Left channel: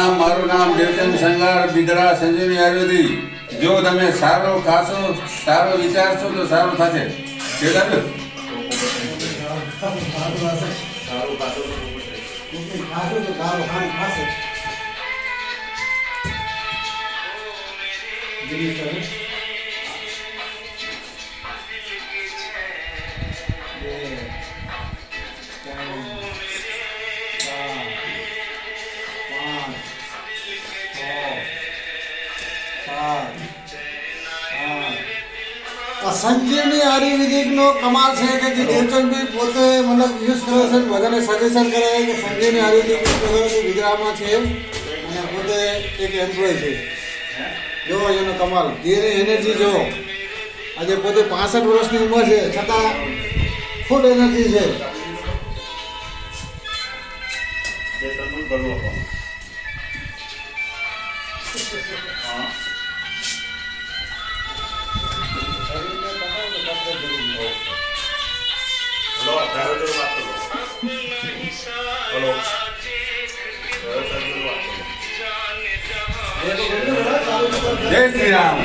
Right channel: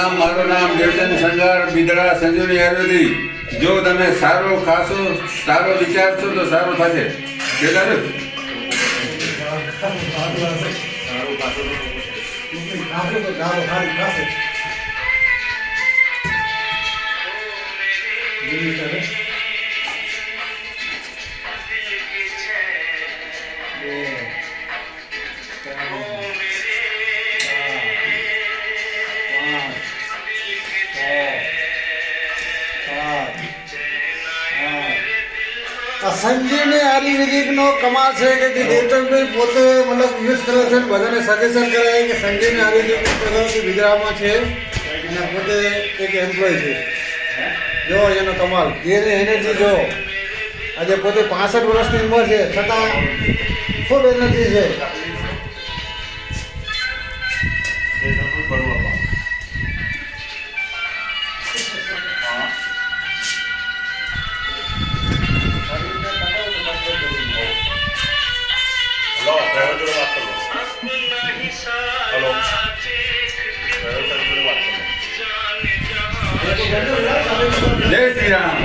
મારું નામ દેવચંદ સંગાર બિદડા સંજીવની આયુર્વેદી. જો તમે સારો ખાશો, સારો વિચારશો તો સારું થશે. કેટલા સંજીવની આયુર્વેદિક નો કમાલ છે કે જે દેવચંદભાઈ પોતે મતલબ યુઝ કર્યો છે, બધાને સજેશન કરે કે સંજીવની આયુર્વેદિક કર્યો છે, ગુજરાતમાં છે અને પોતે એક એમ્પ્લોય છે. જો એનો કમાલ, એની એનર્જી જો આજે પોતે 65 વર્ષની ઉંમર છે છતાં ફૂલ એનર્જી છે. हेलो ड्राइवर जोड़े बात कर लो. हेलो ड्राइवर साहब जोड़े बात कर लो. જય શ્રી રામ.